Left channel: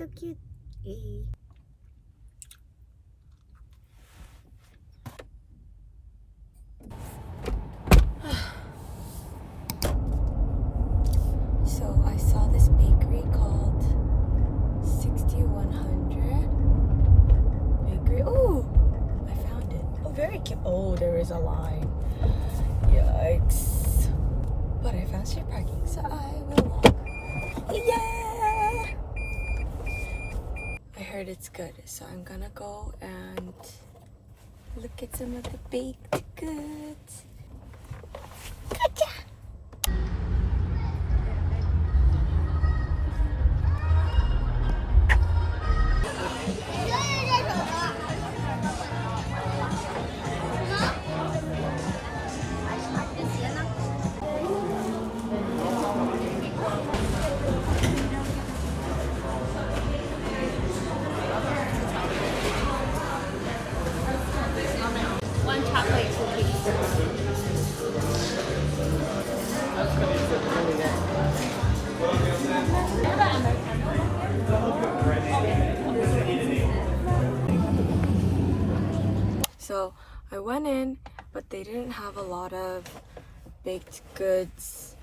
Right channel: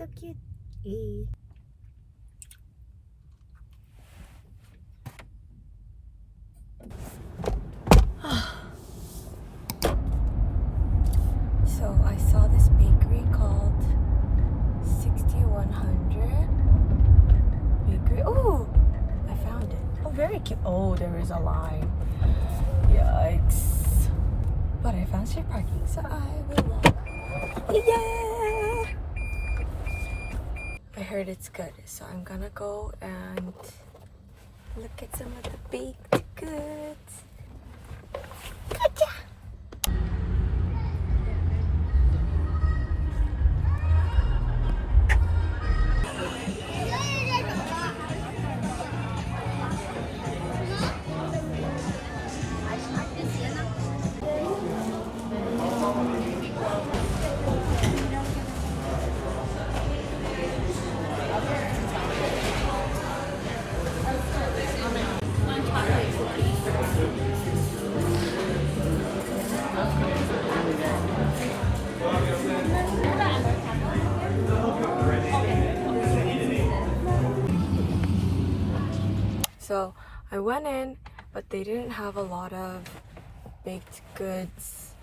so cute. Hey. So I saw this bakery called 6100 bakery. Oh, I found it. Oh, very cute. Oh, there is a line. Yikes. But I found street parking, so I will walk. Yeah! I heard it's good, so I'm gonna go and look at some of the baked goods. Gotcha! So I went in, but they didn't have a lot of baked goods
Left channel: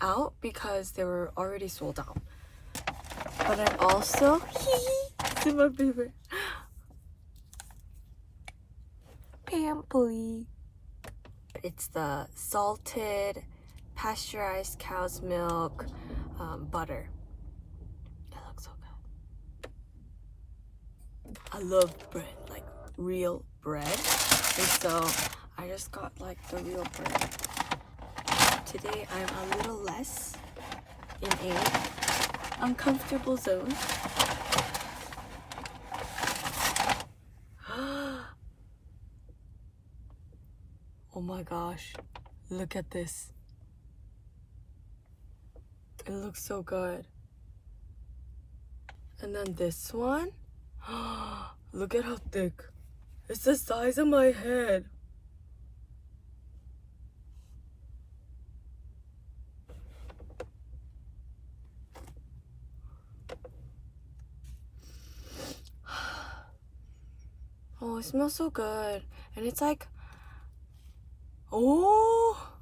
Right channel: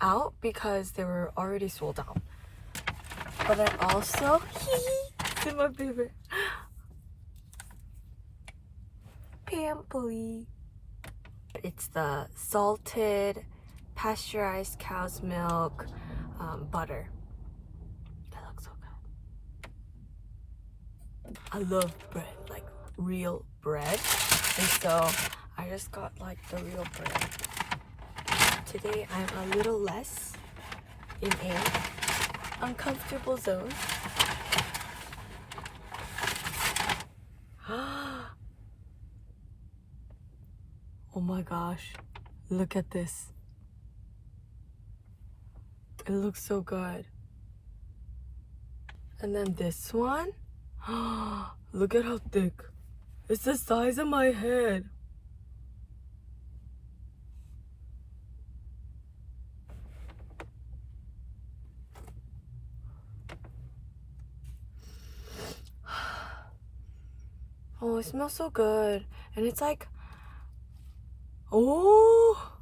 out because they were already sold out. But I also, this is my favorite, Pampoli. It's the salted pasteurized cow's milk butter. It looks so good. I love bread, like real bread. And so I just got like the real bread. Today I'm a little less in an uncomfortable zone. Oh my gosh, look at this. It looks so good. And then this one, look at how thick. It's the size of my head. Oh, it smells so good. And it's like, oh,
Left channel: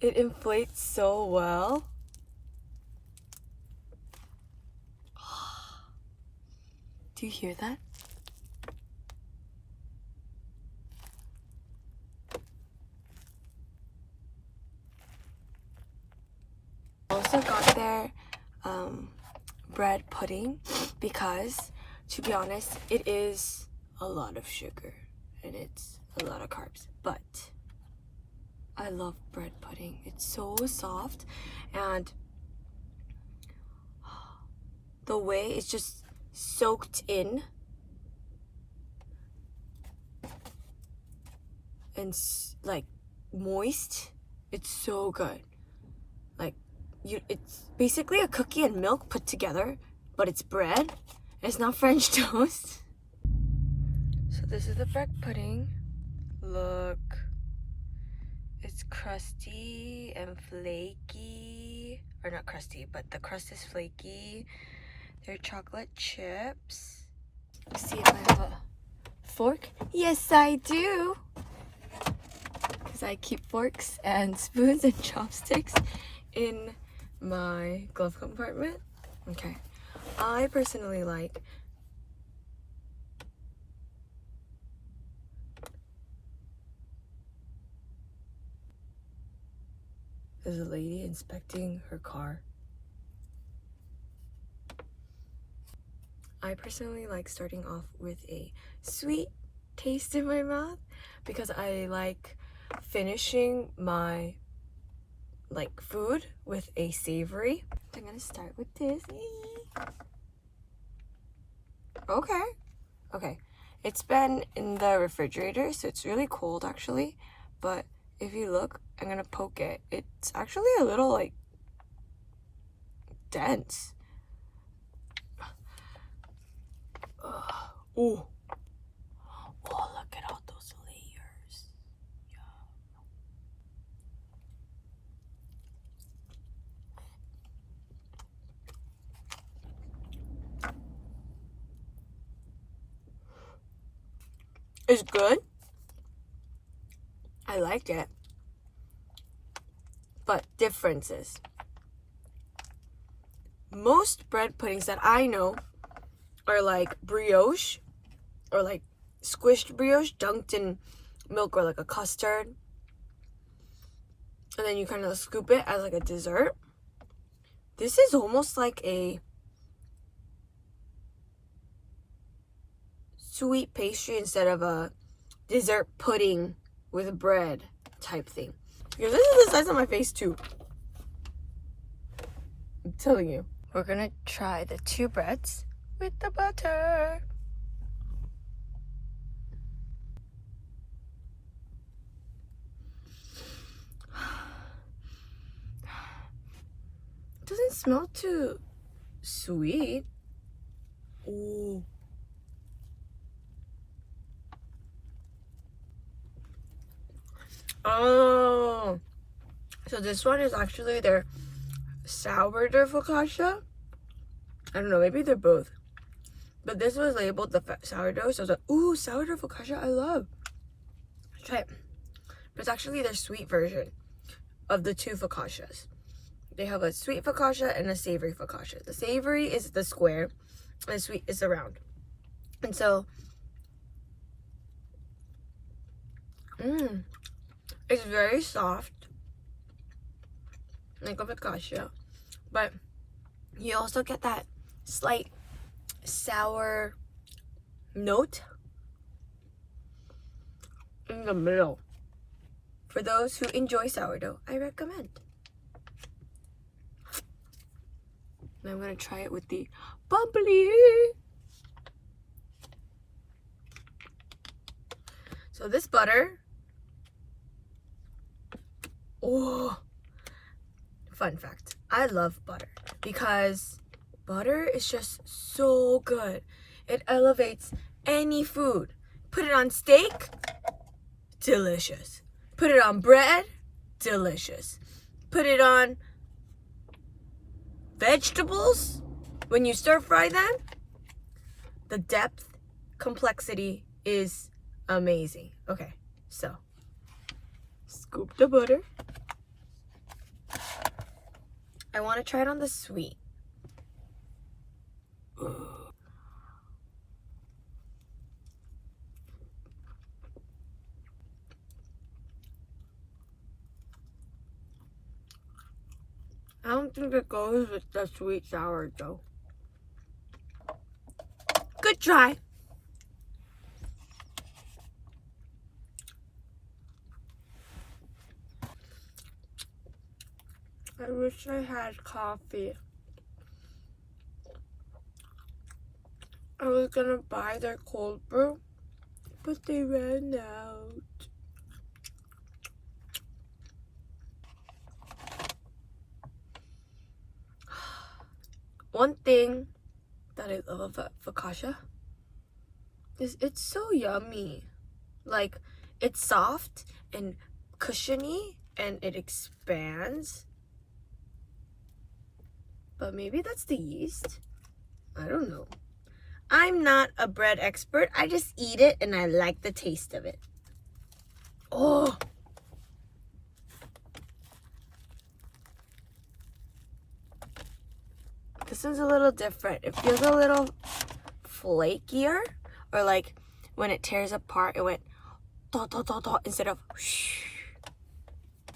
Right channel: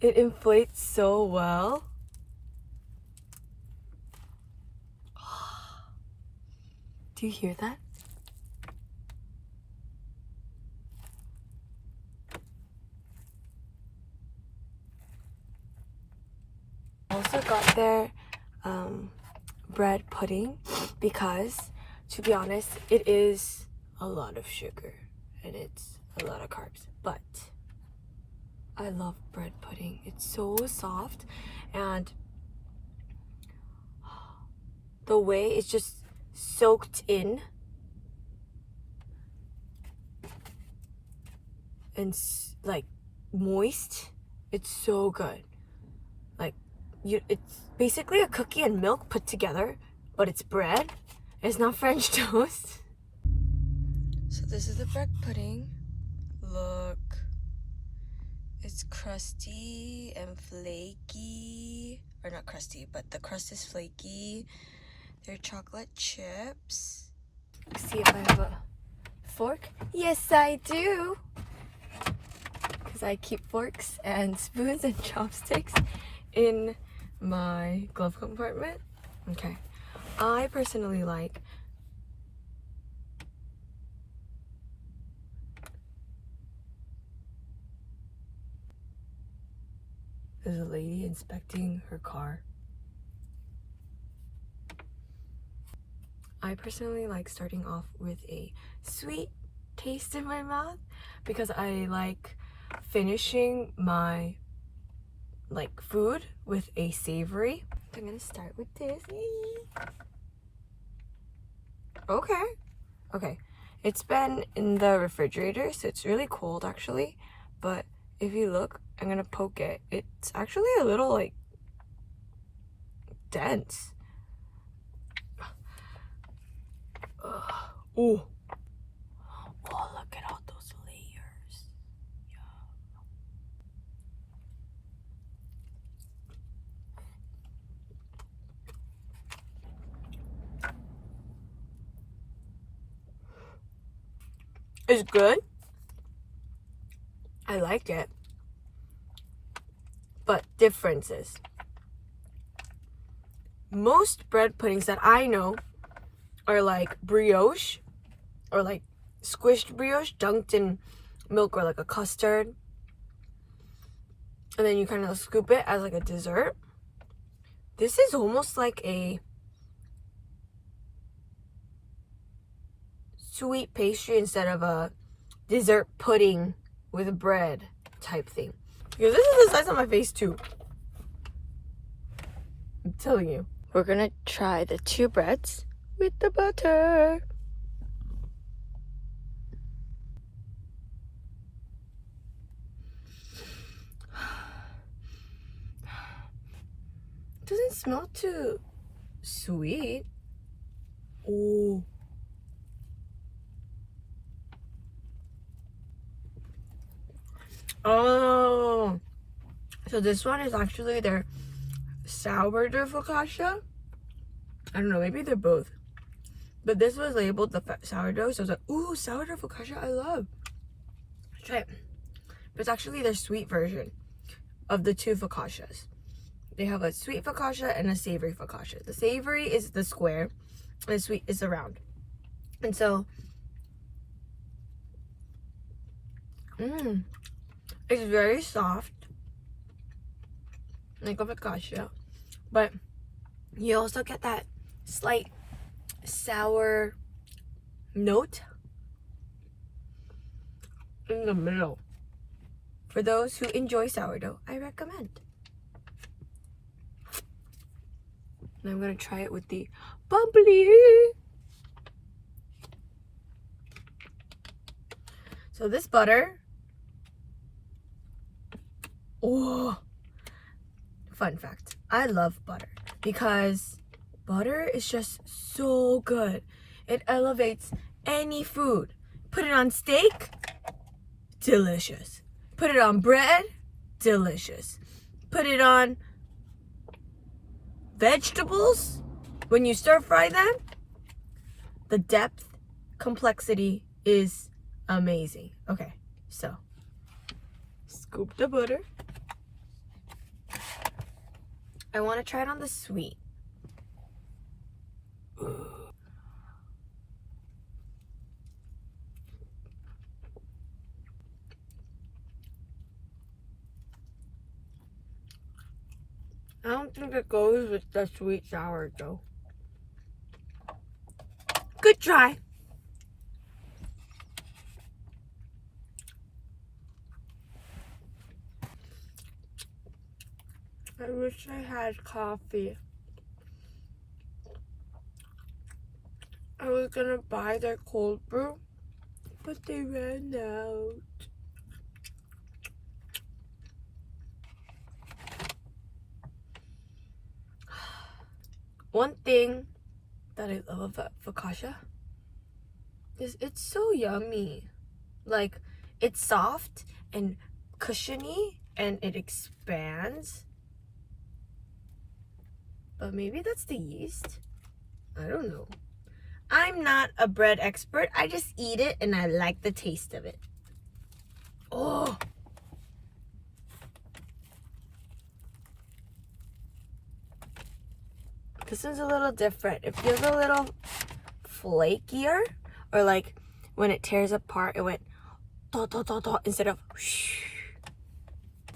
it inflates so well. Do you hear that? I also got their bread pudding because, to be honest, it is a lot of sugar and it's a lot of carbs, but I love bread pudding. It's so soft and the way it's just soaked in and like moist. It's so good. Like it's basically a cookie and milk put together, but it's bread. It's not French toast. So this is the bread pudding. Look. It's crusty and flaky. Or not crusty, but the crust is flaky. They're chocolate chips. Let's see if I have a fork. Yes, I do. Because I keep forks and spoons and chopsticks in my glove compartment. Okay. I personally like there's a lady inspecting her car. I personally like starting off with a sweet taste in my mouth because I like finishing my like food with a savory. I'm gonna start with this. Okay. It's been in the refrigerator, so it's really cold actually. But if you look, I'm gonna poke it. It's actually a little like dense. Ooh. Oh, look at all those layers. Yeah. is good. I like it. But differences. Most bread puddings that I know are like brioche or like squished brioche dunked in milk or like a custard. And then you kind of scoop it as like a dessert. This is almost like a sweet pastry instead of a dessert pudding with bread type thing. Because this is the size of my face too. I'm telling you. We're gonna try the two breads with the butter. Doesn't smell too sweet. Ooh. Oh. So this one is actually their sourdough focaccia. I don't know, maybe they're both. But this was labeled the sourdough, so I was like, ooh, sourdough focaccia, I love. Let's try it. But it's actually their sweet version of the two focaccias. They have a sweet focaccia and a savory focaccia. The savory is the square, and the sweet is the round. And so, it's very soft, like a focaccia, but you also get that slight sour note in the middle. For those who enjoy sourdough, I recommend. And I'm gonna try it with the bubbly. So this butter, oh, fun fact, I love butter because butter is just so good. It elevates any food. Put it on steak, delicious. Put it on bread, delicious. Put it on vegetables, when you stir fry them, the depth, complexity is amazing. Okay, so scoop the butter. I want to try it on the sweet. I don't think it goes with the sweet sourdough. Good try. I wish I had coffee. I was gonna buy their cold brew, but they ran out. One thing that I love about focaccia is it's so yummy. Like, it's soft and cushiony and it expands. But maybe that's the yeast. I don't know. I'm not a bread expert. I just eat it and I like the taste of it. Oh. This one's a little different. It feels a little flakier, or like when it tears apart, it went do, do, do, do, instead of whoosh.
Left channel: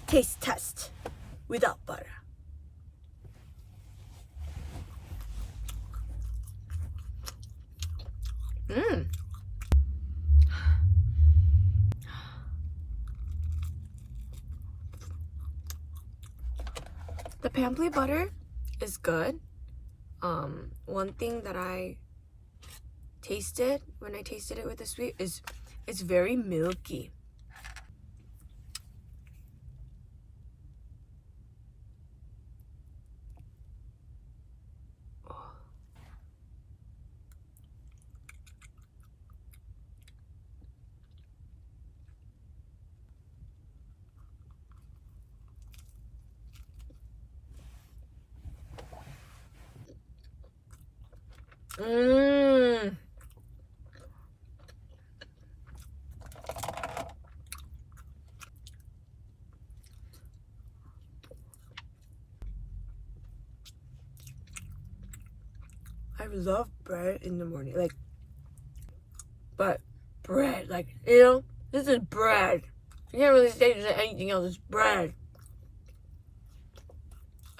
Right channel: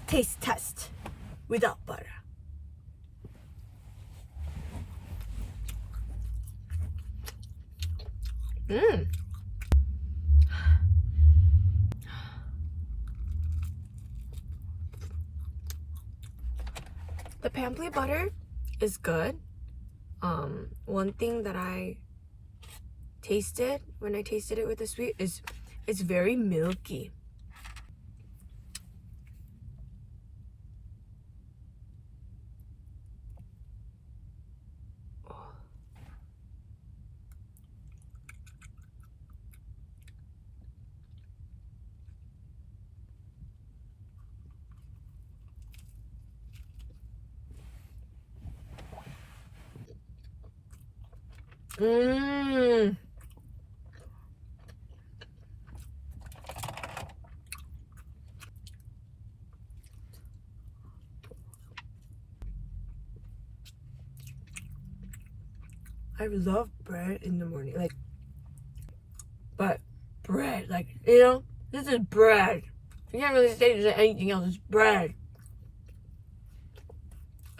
Taste test without butter. The Pampli butter is good. One thing that I tasted when I tasted it with the sweet is it's very milky. I love bread in the morning, like, but bread, like, you know, this is bread. You can't really say there's anything else. It's bread.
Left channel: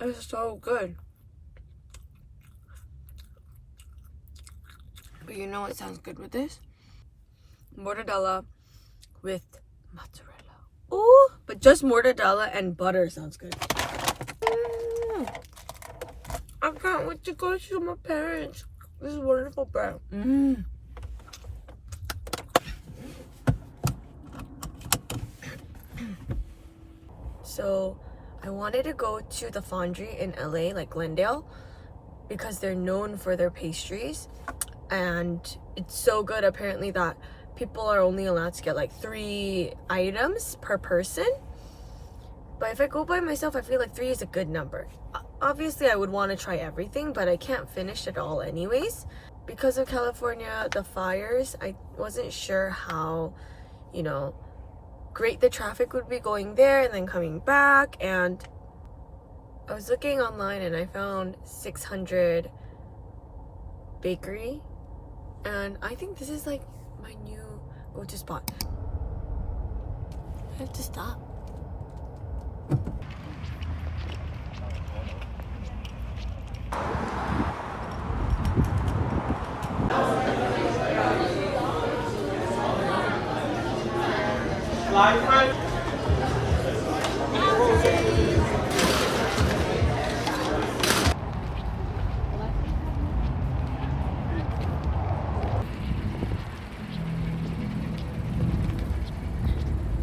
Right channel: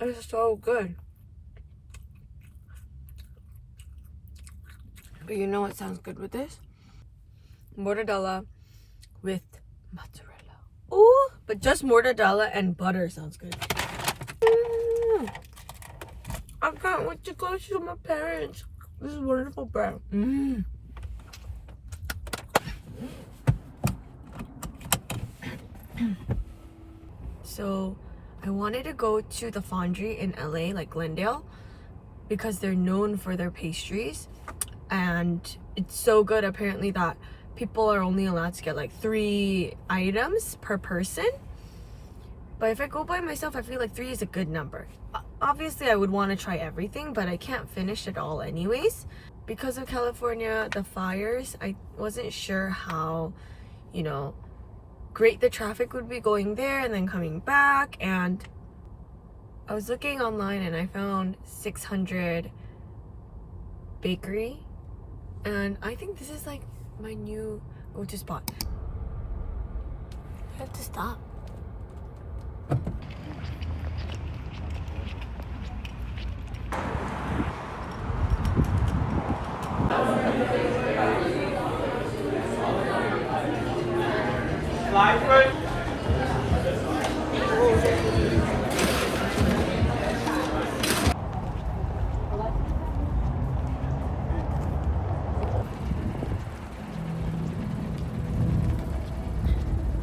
It's so good. But you know what sounds good with this? Mortadella with mozzarella. Ooh, but just mortadella and butter sounds good. I can't wait to go to my parents. This is wonderful bread. So I wanted to go to the Fonderie in LA, like Glendale, because they're known for their pastries, and it's so good apparently that people are only allowed to get like 3 items per person. But if I go by myself, I feel like 3 is a good number. Obviously I would want to try everything, but I can't finish it all anyways. Because of California, the fires, I wasn't sure how, you know, great the traffic would be going there and then coming back. And I was looking online and I found 600 bakery, and I think this is like my new go-to spot. I have to stop.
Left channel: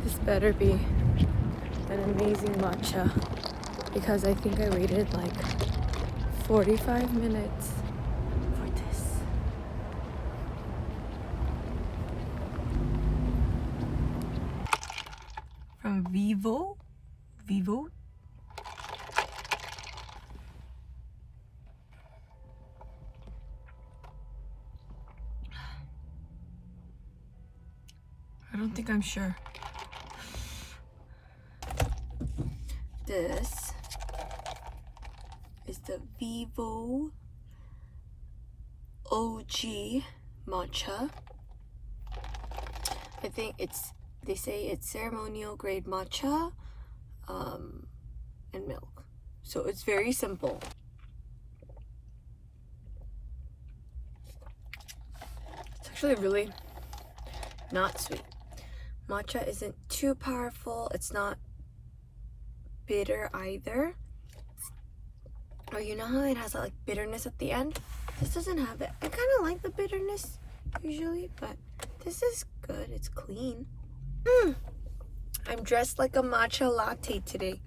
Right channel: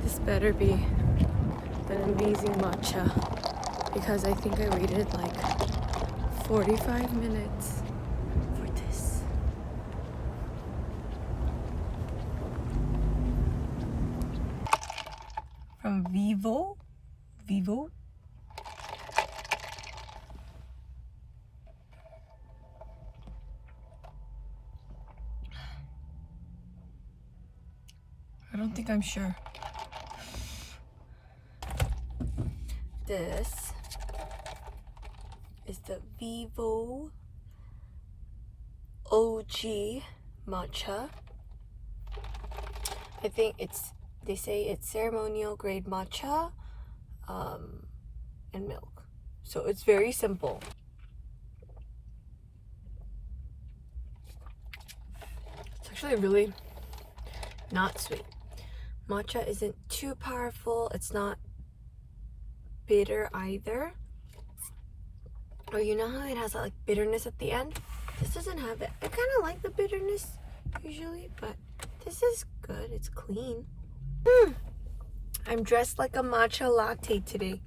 This better be an amazing matcha, because I think I waited like 45 minutes for this. From Vivot. I don't think I'm sure. This is the Vivot OG matcha. I think they say it's ceremonial grade matcha and milk. So it's very simple. It's actually really not sweet. Matcha isn't too powerful. It's not bitter either. Or you know how it has that like bitterness at the end? This doesn't have it. I kind of like the bitterness usually, but this is good. It's clean. I'm dressed like a matcha latte today.